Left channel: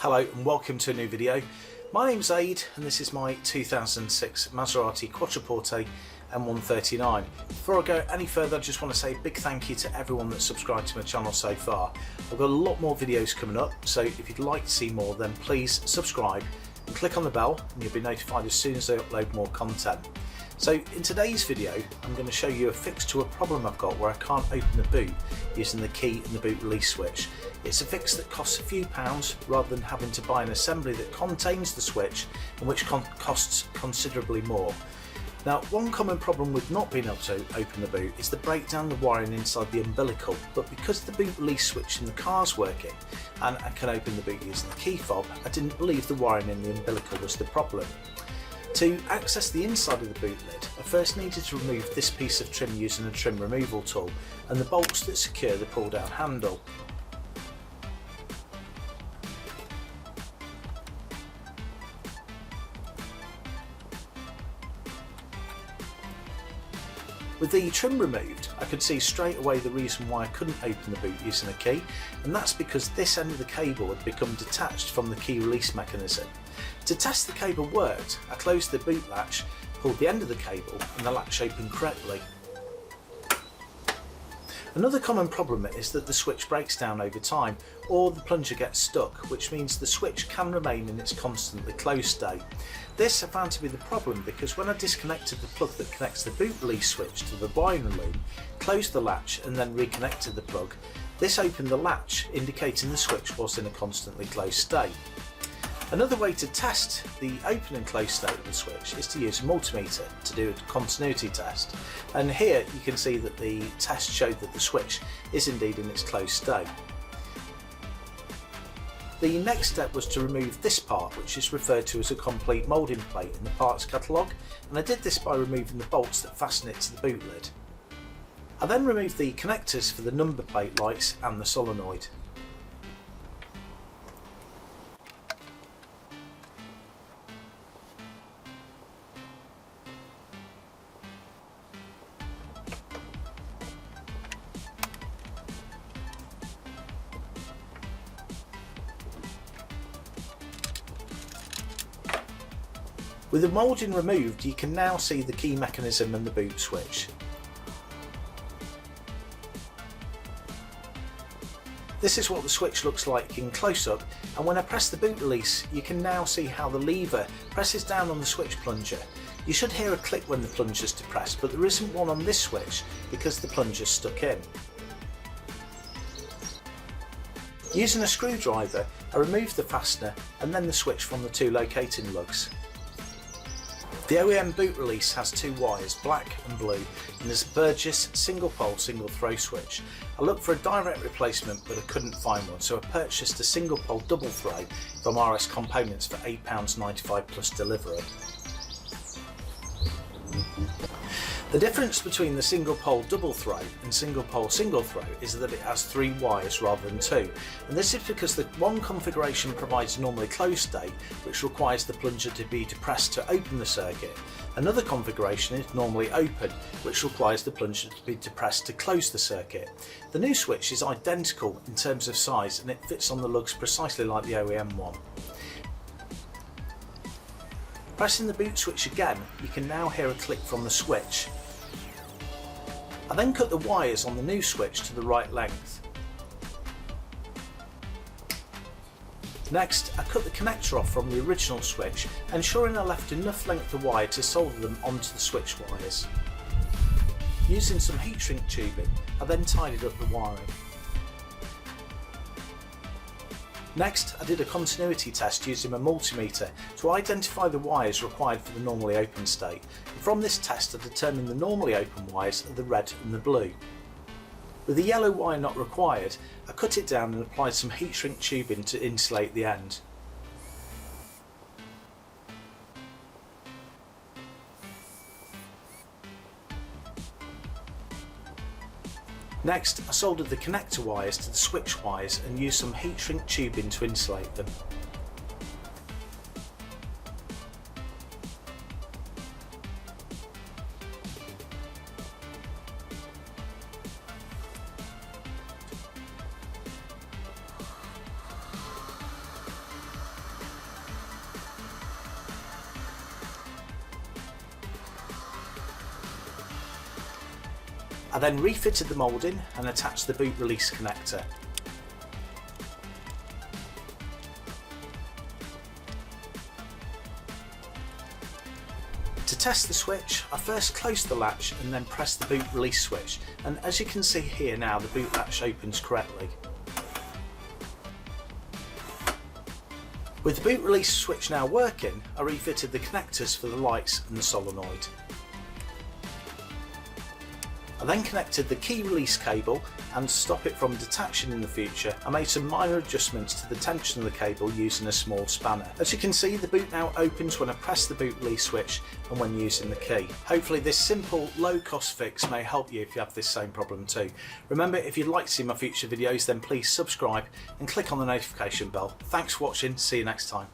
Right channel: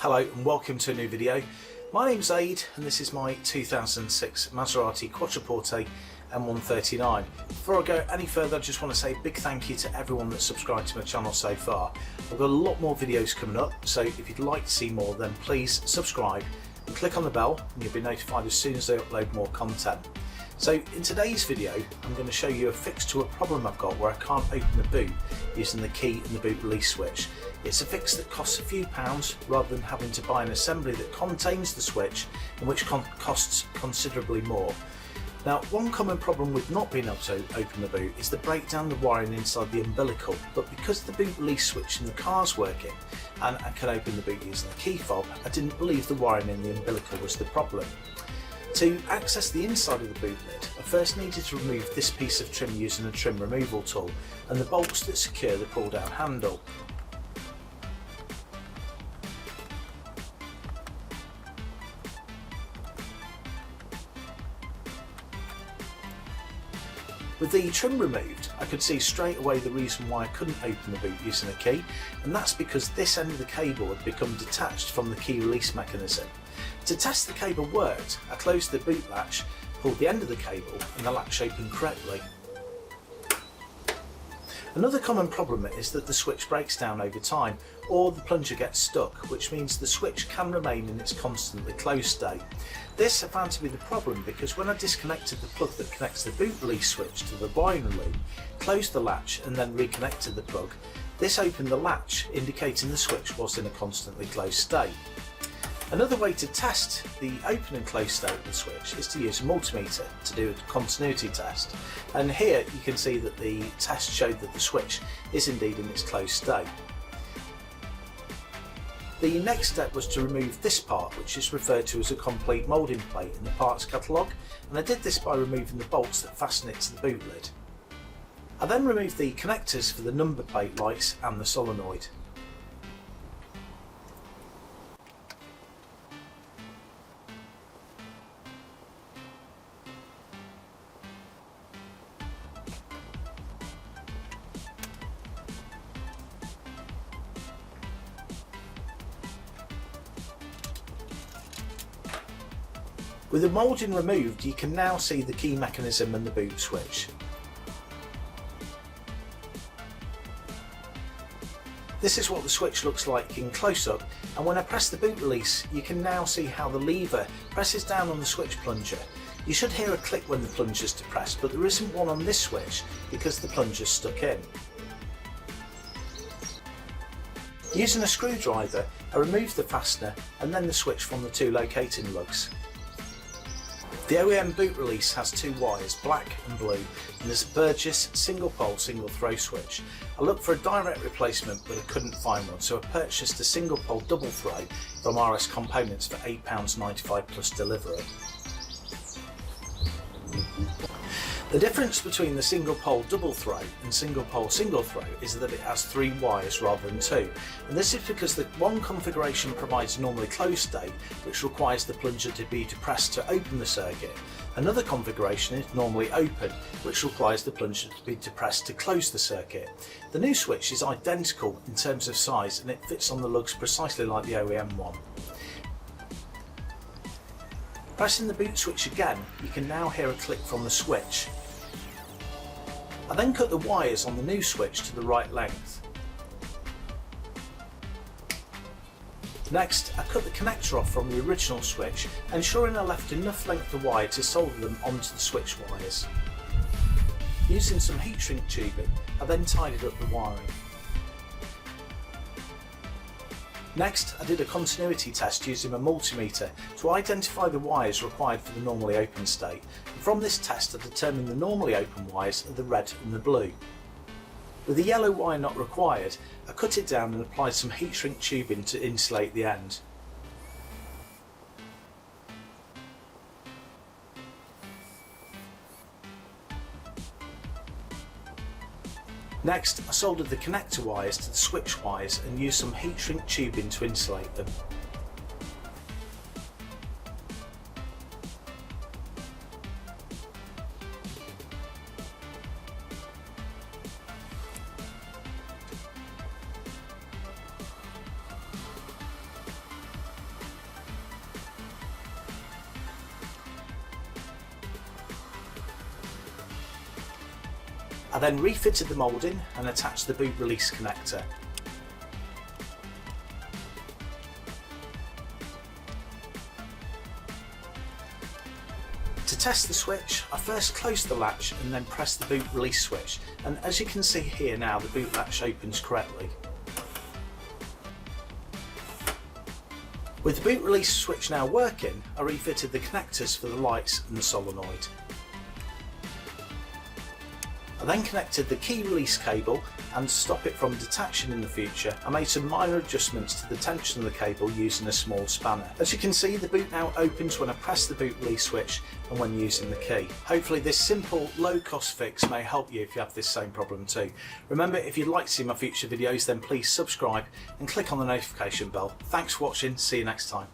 Hello and welcome to a new video. My name's Aid and this is my 2006 Maserati Quattroporte M139. Before I go any further, I just want to say a big thank you to everyone that's subscribed to my channel so far. I've got a lot more videos coming up, so if you'd like to see more then please subscribe and click on the bell and you'll be notified as soon as I upload more content. So in today's video I'm going to show you a fix to a problem I've got where I can't open the boot using the key and the boot release switch. It's a fix that costs a few pounds rather than having to buy an assembly that contains the switch and which costs considerably more. Now, one common problem with not being able to open the boot is the breakdown of the wiring inside the umbilical, but because the boot release switch in the car's working and I can open the boot using the key fob, I didn't believe the wiring in the umbilical was the problem. To access the inside of the boot lid, I first needed to remove this piece of trim using a trim removal tool and the bolts that secure the pull down handle. With the trim removed, I could see straight away the reason why I couldn't open the boot using a key, and that's because this end of the cable had become detached from the key release mechanism. To test the cable worked, I closed the boot latch, pulled the end of the cable, and the latch opened correctly. Another common problem is that the switch breaks down over time, or the plunger gets stuck, which means the switch can remain in its constantly closed state. This I found to be the problem because when I disconnected the plug that connects the boot release switch to the wiring loom, closed the latch and then reconnected the plug, this opened the latch, indicating the switch was in a constantly closed state. Another way to test the open and closed state of the switch is to use a multimeter to do a continuity test, and here you can see that the test showed that the switch is indeed in its closed state. The next step was to remove this part, which is referred to as a complete moulding plate in the parts catalogue, and I did this by removing the bolts that fasten it to the boot lid. I then removed the connectors for the number plate lights and the solenoid. With the moulding removed, you can now see the key mechanism and the boot switch. This is what the switch looks like in close-up, and when I press the boot release you can now see how the lever presses down on the switch plunger. You should hear a click when the plunger is depressed, but there isn't one on this switch because the plunger is stuck in. Using a screwdriver I removed the fastener and then the switch from the two locating lugs. The OEM boot release has two wires, black and blue, and there's a Burgess single pole single throw switch. I looked for a direct replacement but I couldn't find one, so I purchased a single pole double throw from RS Components for £8.95 plus delivery. The difference between the single pole double throw and single pole single throw is that it has three wires rather than two, and this is because the one configuration provides a normally closed state, which requires the plunger to be depressed to open the circuit. Another configuration is normally open, which requires the plunger to be depressed to close the circuit. The new switch is identical in terms of size and it fits on the lugs precisely like the OEM one. Pressing the boot switch again, you can now hear a click from the switch. I then cut the wires on the new switch to the right length. Next, I cut the connector off from the original switch, ensuring I left enough length of wire to solder them onto the switch wires. Using some heat shrink tubing, I then tidied up the wiring. Next, I did a continuity test using a multimeter to identify the wires required for the normally open state, and from this test I determined the normally open wires are the red and the blue. With the yellow wire not required, I cut it down and applied some heat shrink tubing to insulate the end. Next, I soldered the connector wires to the switch wires and used some heat shrink tubing to insulate them. I then refitted the moulding and attached the boot release connector. To test the switch, I first closed the latch and then pressed the boot release switch, and as you can see here now, the boot latch opens correctly. With the boot release switch now working, I refitted the connectors for the lights and the solenoid. I then connected the key release cable, and to stop it from detaching in the future, I made some minor adjustments to the tension of the cable using a small spanner. As you can see, the boot now opens when I press the boot release switch and when using the key. Hopefully this simple, low-cost fix may help you if you have this same problem too. Remember, if you'd like to see my future videos, then please subscribe and click on the notification bell. Thanks for watching, see you next time.